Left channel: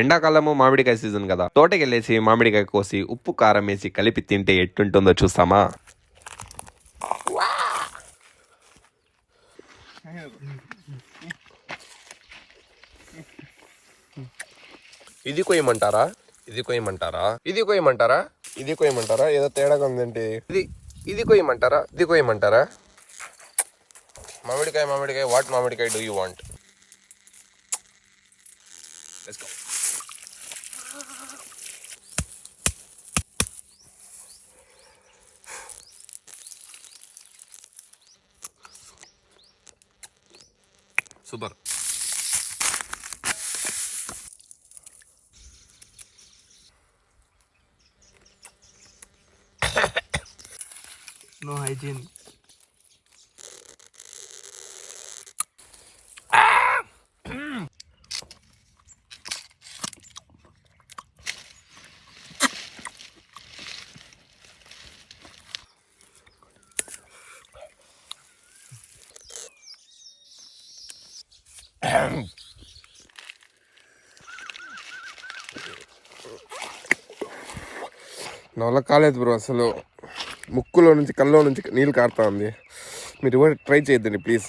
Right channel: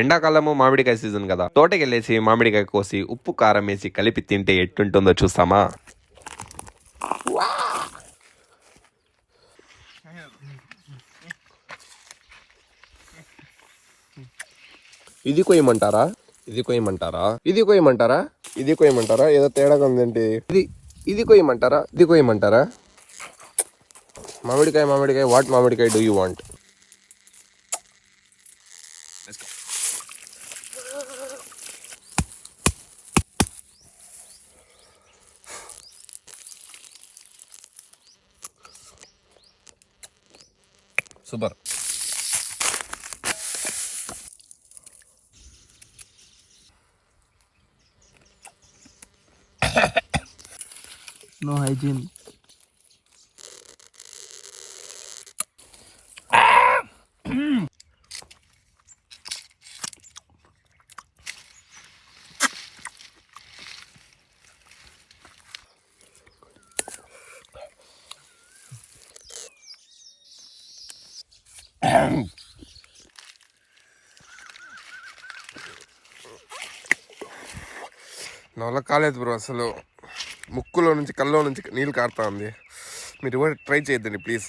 ఎండాకాలము మామిడికాయ సీజన్ కదా, తోటకెళ్ళేసి మామిడికాయ కోసి ఉప్పు కారం వేసి కలిపి తింటే ఎట్టుంటుందో చూస్తామా. ఇది కొయ్యమంటారా, ఇది కొయ్యమంటారా, ఇది కొయ్యమంటారా, ఇది కొయ్యమంటారా, ఏదో తేడాగా ఉందండి. ఇది కొయ్యమంటారా, ఇది కొయ్యమంటారా. మామిడికాయ మామిడికాయ, వాట్ మామిడికాయ do you want? Let's go. Super. No hygiene. నా వల్ల కాలేదు బ్రో, అసలు ముక్కులో నుంచి కళ్ళలో నుంచి నీళ్ళు కారుతా ఉంది. మీరు కూడా ట్రై చేయొద్దండి ప్లీజ్.